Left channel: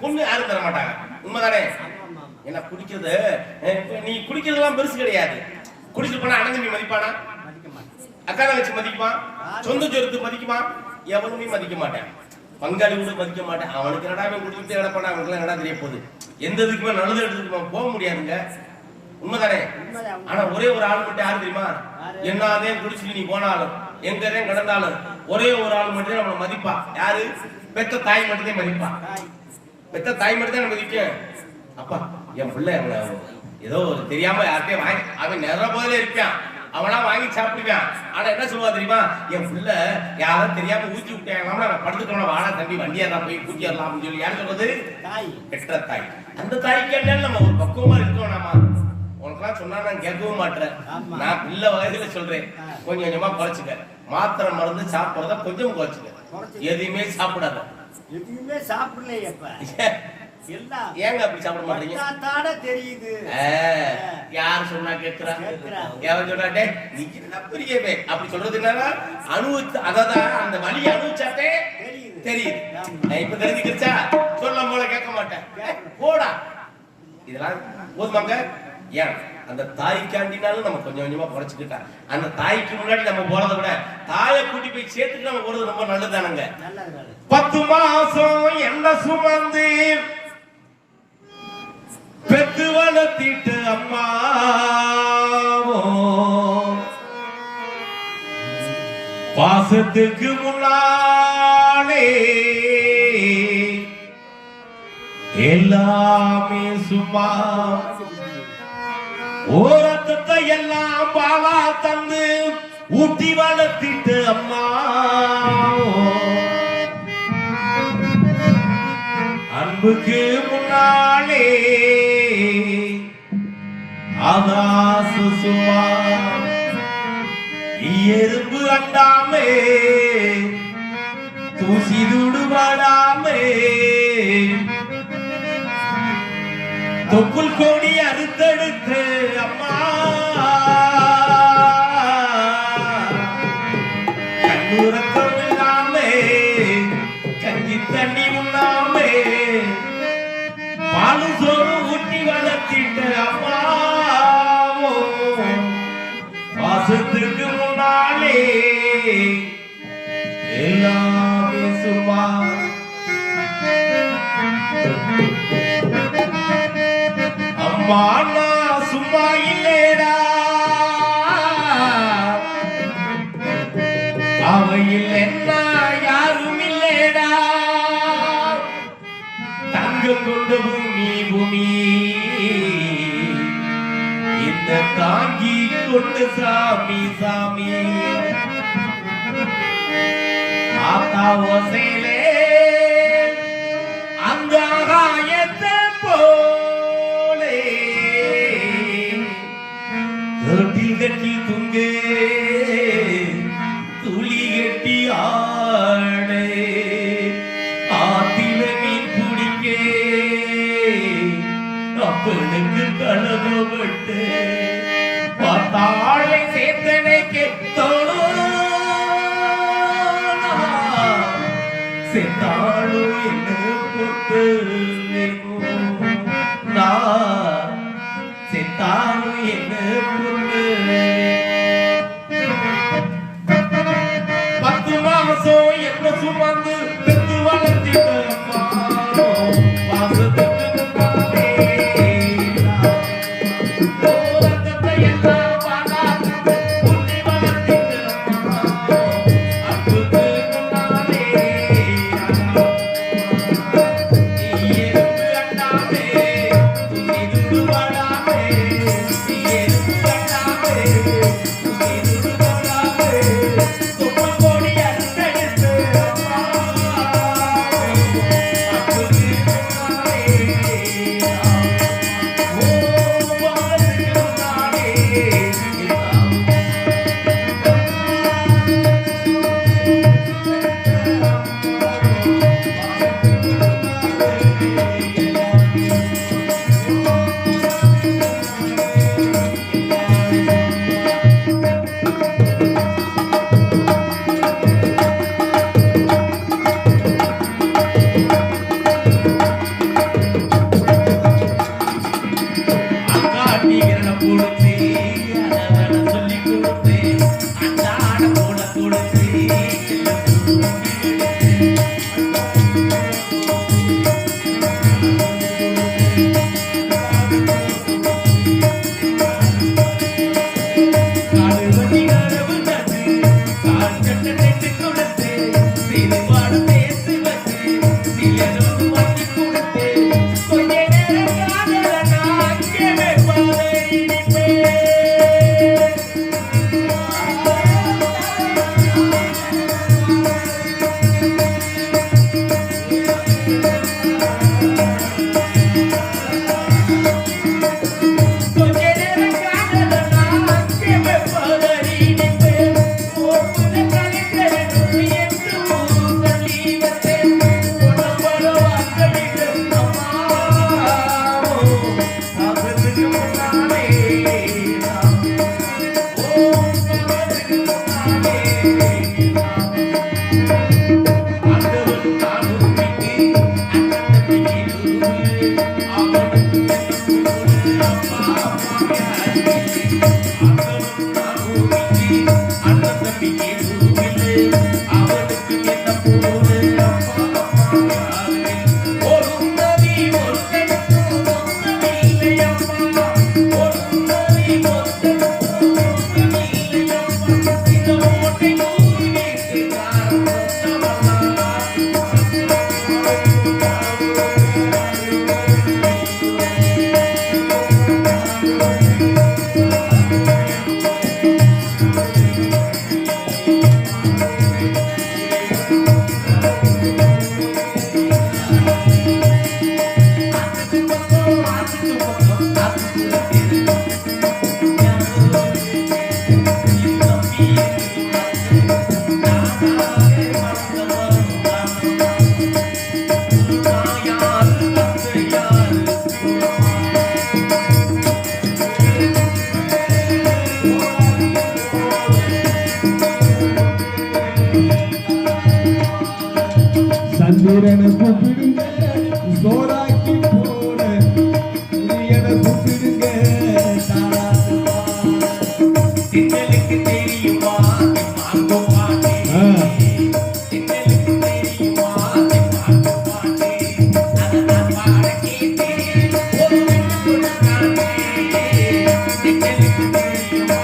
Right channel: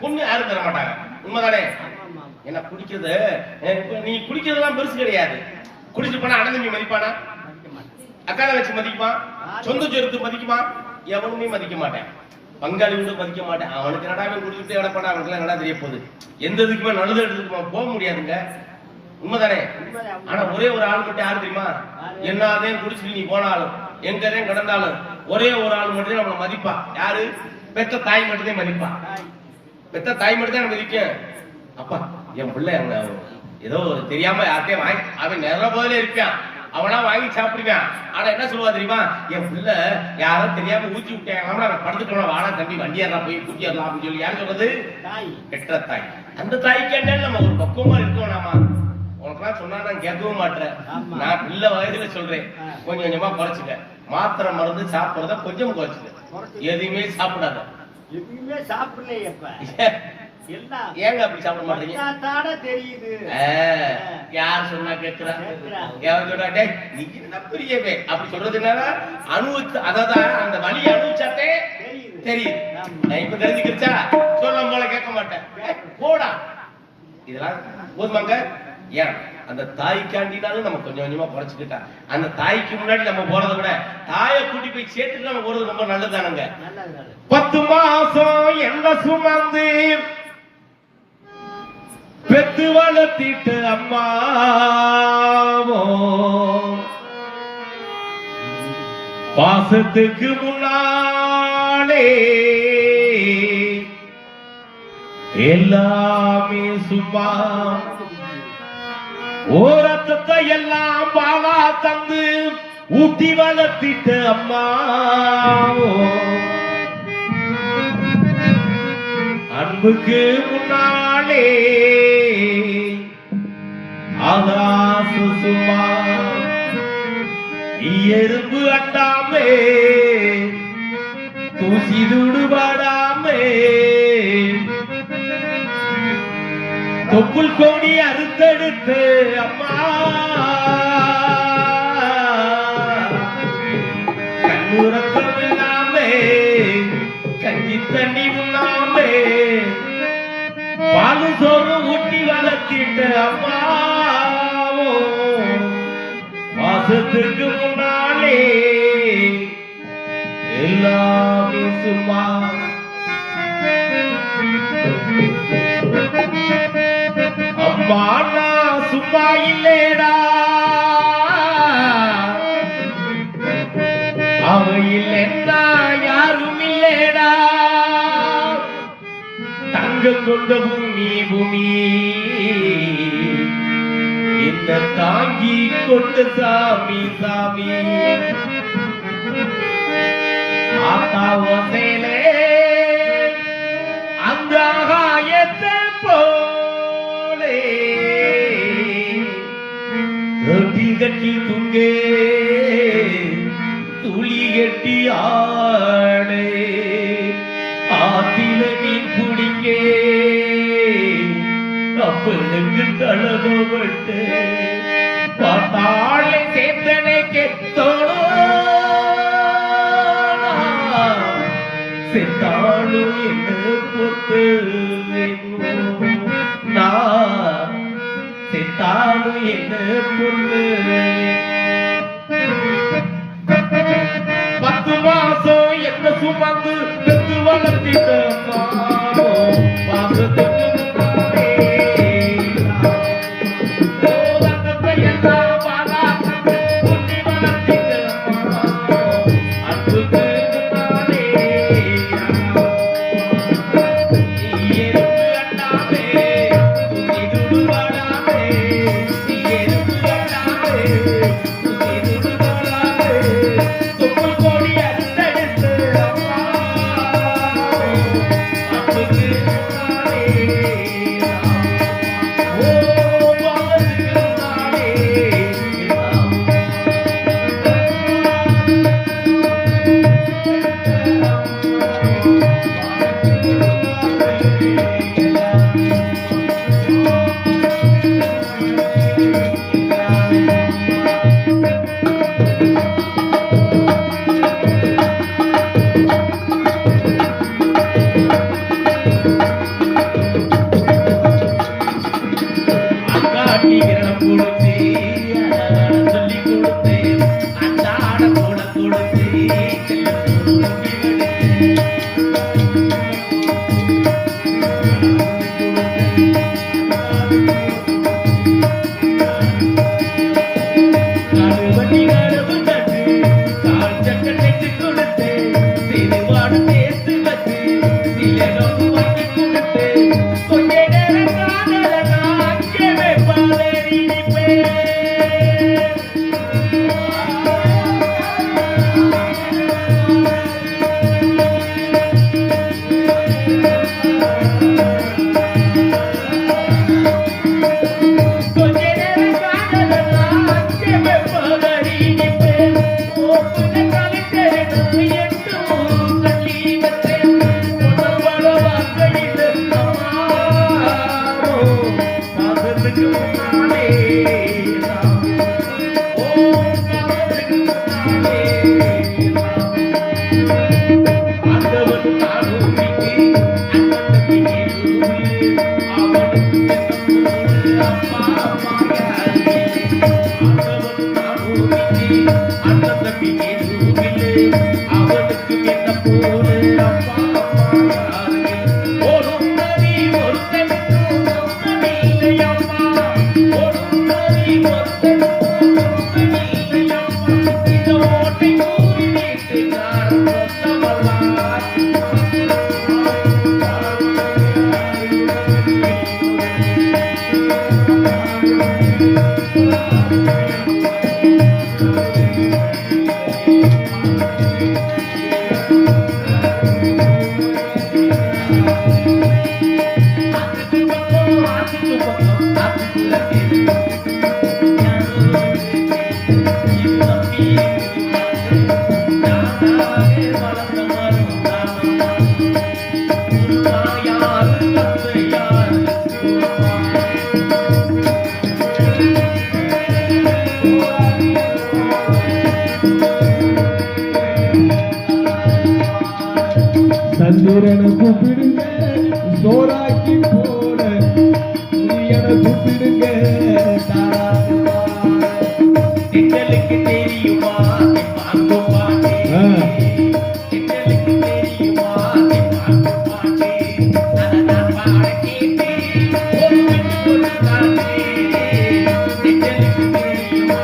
பொண்ணு யாரும் தர மாட்டாங்க. உண்மைதானே? என்ன குடிக்கிறது, நீ குடிக்கிறதுலாம் பெருசு கிடையாது. குடிச்சு போனா அண்ணன் தம்பி மதிப்பானா? அக்கா தங்கச்சி மதிக்குமா? சொந்த சொருத்து மதிக்குமா? எவனுமே மதிக்க மாட்டேன். பங்காளி கூட மதிக்க மாட்டேன். அவனுக்கு என்னடா குடிச்சுட்டு எவ்வளவு பண்ணா அவனுக்கு என்னடா தெரிய போகுது. எந்த இதுக்குமே நல்லது எடுத்துக்குமா போக முடியாதுங்க. உண்மைதானே? ஆனா ஒரே ஒரு ஆள் மட்டும் யாரு தெரியுமா? என்னதே குடிச்சிட்டு நீ போனாலும் எங்கதே கடந்தாலும் ஒரே ஒரு ஆள் மட்டும் நம்மளை மதிப்பா. யாரு? பெத்த தாய் மட்டும்தான் மதிப்பா. பெத்த தாய் மட்டும் தான் மதிக்கும். அப்பா என் பிள்ளை ஏதோ தெரியாம யார்கிட்டயும் வாங்கி அவன் நேரம் போதிலே இருப்பான், அவனா வாங்கி சாப்பிடுவான். ஆனா என்ன சொல்லுவா தெரியுமா? என் பிள்ளை யாரும் தெரியாம ஊத்தி விட்டாங்க, அவன் படுத்துக்கணும், வாடா தம்பி வண்டியாரா போய் கூட்டிடலாம் அப்படின்னு சொல்லி யாரு சொல்றது? பெற்ற தாய். அந்த தாய்க்கு என்ன நம்ம ஒரு பக்குவமா இருக்கோம். நாம உனக்குலாம் சொன்னா நான் கேட்கவும் மாட்டேன். நான் பிள்ளை வயதுல சொல்றேன், கொஞ்சம் கொஞ்சமா குறைச்சுக்க. மாத்திரை மருந்து சாப்பிடுறத கொஞ்சம் குறைச்சுக்க. எதுவுமே சாப்பிடாத. எதுவுமே சாப்பிடலையே. ஏங்க அப்படி சாப்பிட மாட்டீங்க? தெரியுது. யார் சொன்னா கேட்கிறாங்க? எவன் சொன்னாட்டே பெரியவே அப்படி சொல்றதுனால அனுபவிச்சு, அதாவது அந்த வழியை அனுபவிச்சாட்டே தெரியுது. இப்ப தெரிஞ்சுக்கிச்சா சொல்லும் போல கேட்க மாட்டேன். போடா இதெல்லாம் போதுமாங்க. ஏன் அந்த தாய்க்காண்டினாலும் நம்ம கொஞ்சம் கொஞ்சமா குறைச்சுக்கிட்டா, அந்த தாய்க்கு முன்னாடி நம்ம போறதை விட தாயை கூட்டி போய் சேர்த்துட்டு நம்ம போறது ரொம்ப நல்லதுதானங்க. 10 மாசம் என்ன சுமந்து பெத்து வளர்த்திட்டு அம்மாவோ பாசத்துக்கு முன்னாலே எல்லாமே சும்மா ஓரத்தை எல்லாம் பாலா தந்து ஊட்டி வளர்த்திட்டு அம்மா அன்புக்கு முன்னாலே ஆகாசு சும்மா எறும்பு அண்டாமே தூசி துடுபாடாமே தொப்புள் கோடி அறுத்தெடுத்து அம்மா கண்ணூரக்கம் இல்லாமே கஞ்சி தண்ணி உண்ணாமே பாலு சோறு ஊட்டி வளர்த்திட்டு அம்மா மாசத்துக்கு முன்னாலே எல்லாமே சும்மா. அம்மா நான் சும்மா இல்லேடா, அவ இல்லைன்னா யாரும் இல்லேடா. தங்கம் கொண்ட பூமி பூமி இந்த தாங்கி கொண்டு சாமி சாமி ஆத்தா ஓசையிலே அந்த ஆகாயத்தை போலே தொட்டி கட்டி துங்கே துளி கட்டி ஆடே ஆத்தில மீன் குடிக்கே அப்பனுக்கு தழகப்பட்டு பார்த்தாளை சேத்தனைக்கு செத்தாளும் என்ன பொத்து செத்தாளும் என்ன பொத்து. 10 மாசம் என்ன சுமந்து பெத்து வளர்த்திட்டு Yeah. வீரன கூப்பிடுங்க சோறாக்கி போன வீரன கூப்பிடுங்க திங்களுக்கு தெரியுமா மாங்கு பாட்டி திங்களுக்கு தெரியுமா மாங்கு பாட்டி அதை நான் பாட கேட்டு ஒரு விட்டு ஒரு காட்டு திங்களுக்கு தெரியுமா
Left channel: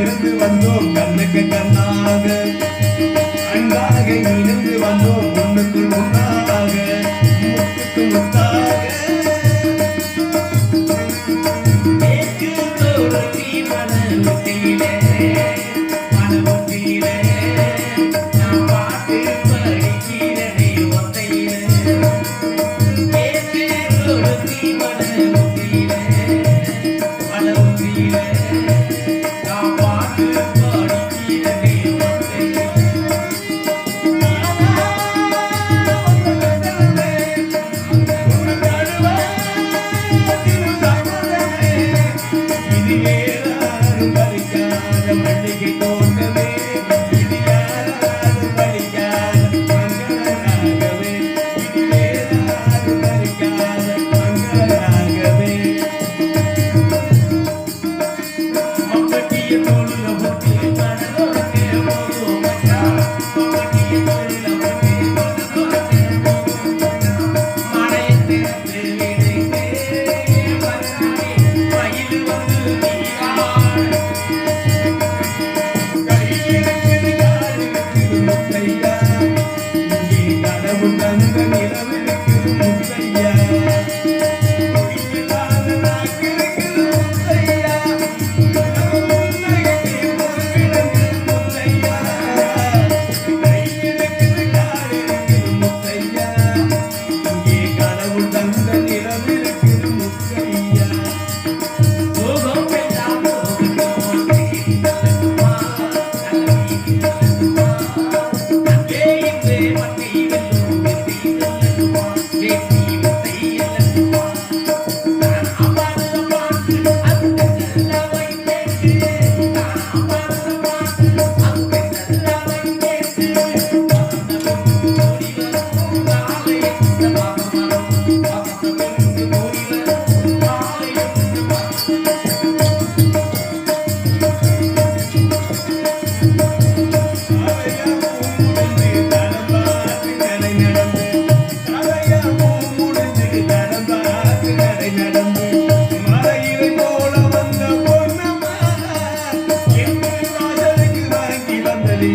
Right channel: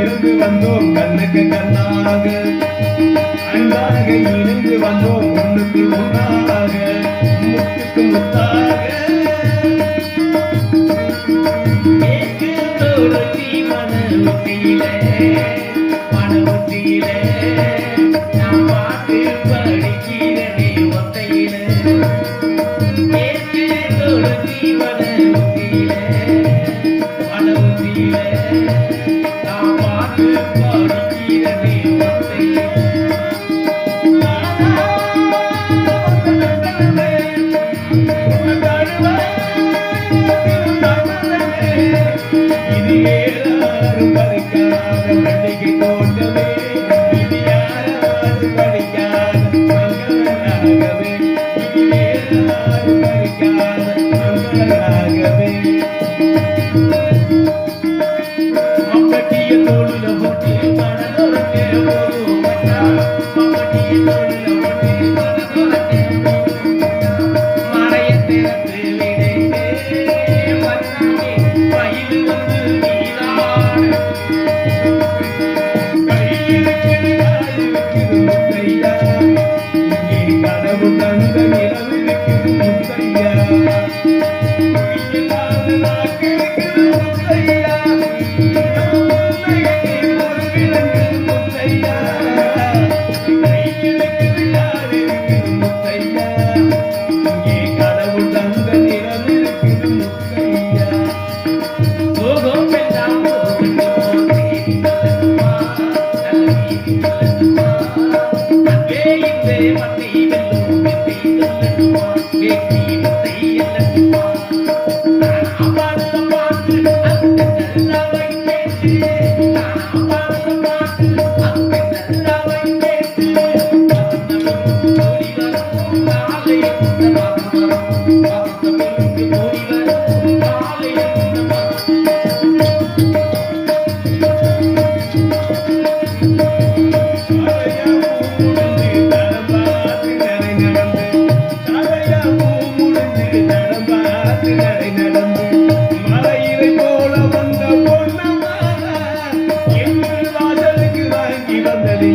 இருந்து வந்தோம் கண்ணுக்கு கண்ணாக அன்பாக இணைந்து வந்தோம் முன்னுக்கு முன்னாக முத்துக்கு முத்தாக நான் பாட்டு படிக்கிறேன் ஒத்தையில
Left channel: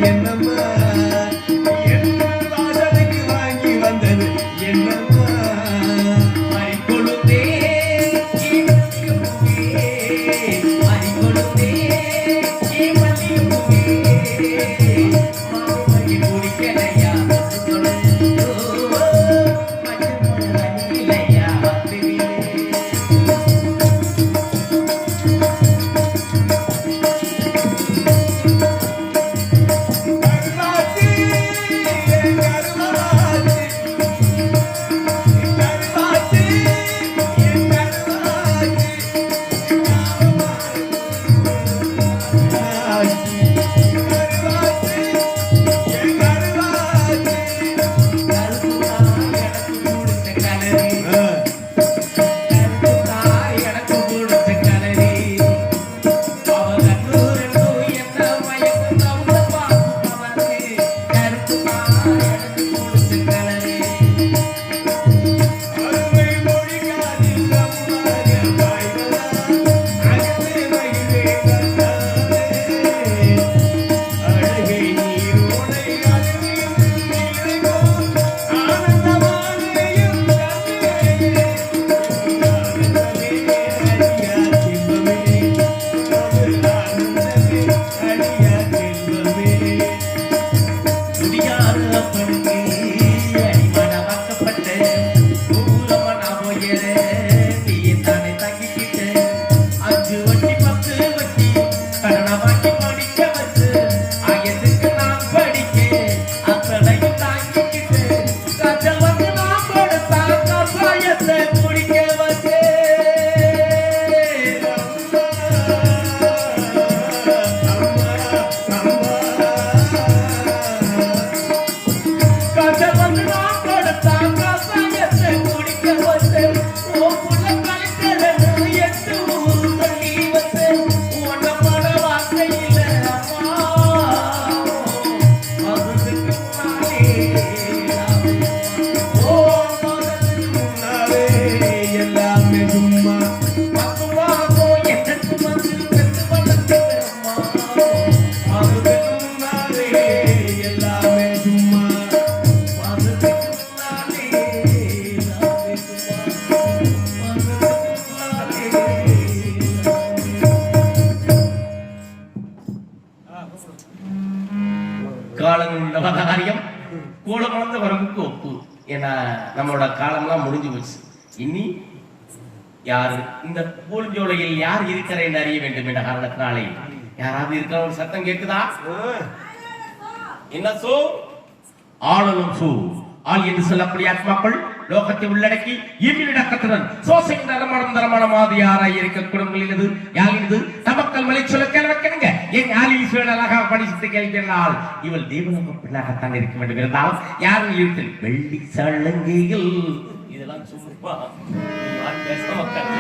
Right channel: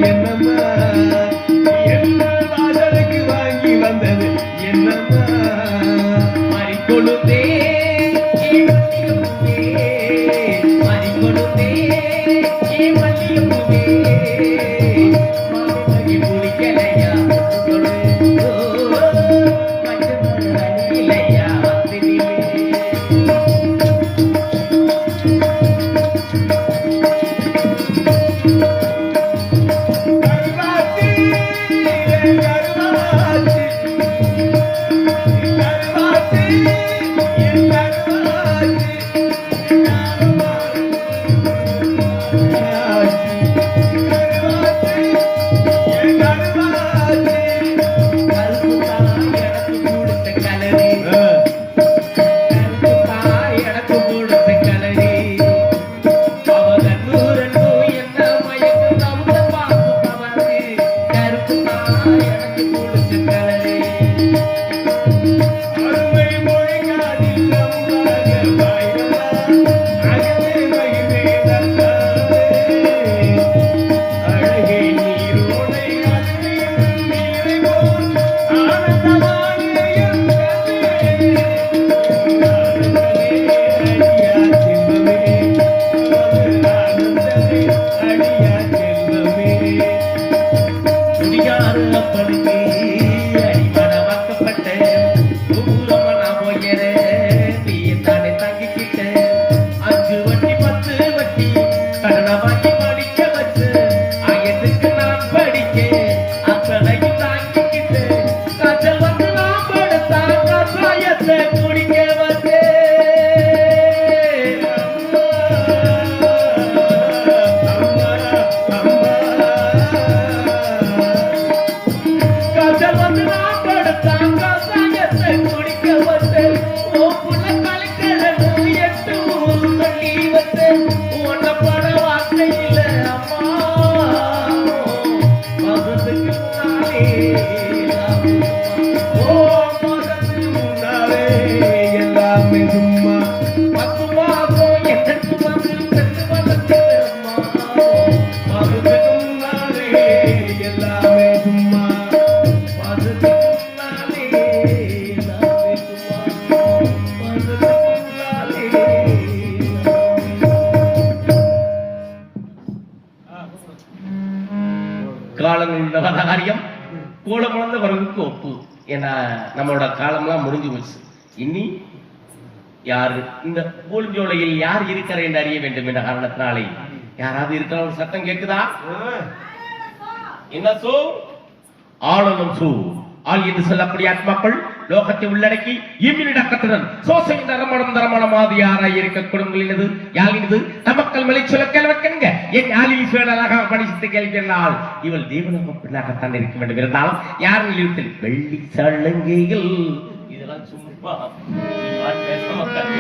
என்னம்மா என்ன வாசலுக்கு வாங்கி வந்தது என்னம்மா மறிக்கொழுந்தே மறிக்கொழுந்தே மல்லியப்பூவே மலை குடிக்கலையா இல்லையா Bye. உள்ள காரியம் கூலமானது வரவுக்கு ஒப்பு. ஏன்னா நம்மளோட காலம்லாம் முடிஞ்சு போச்சு. இனி யாரு இந்த பூஞ்சோலையில் யார் இருக்கிறார் என்று அறிய வேண்டும் என்ற காரணத்தினாலே யாராவது இருக்கிற ஒரு சத்தம் கேட்குதா? என்ன சோ? ஆளும் சூ ஆள் என்று சொல்லக்கூடிய ஆத்மாக்கள் லோகத்தை உள்ளடக்கி இம்மிடக்கத்துடன் சோசையின் நரமணம் தரமணமாதி யாராய் இருக்க குடும்பங்களினது யாழினது நமக்கள் மலை சொல்ல கேள்விக்கணுங்க. என் யாழில் சொல்ல அழகாக படித்து கேள்வினால் இவள் தேவனம பிள்ளாகத்தான் இருக்க வேண்டும். இருந்தாலும் யார் நிலையத்தில் வெள்ளி சலங்கைகள் இதெல்லாம் சும்மா பேச மக்கள்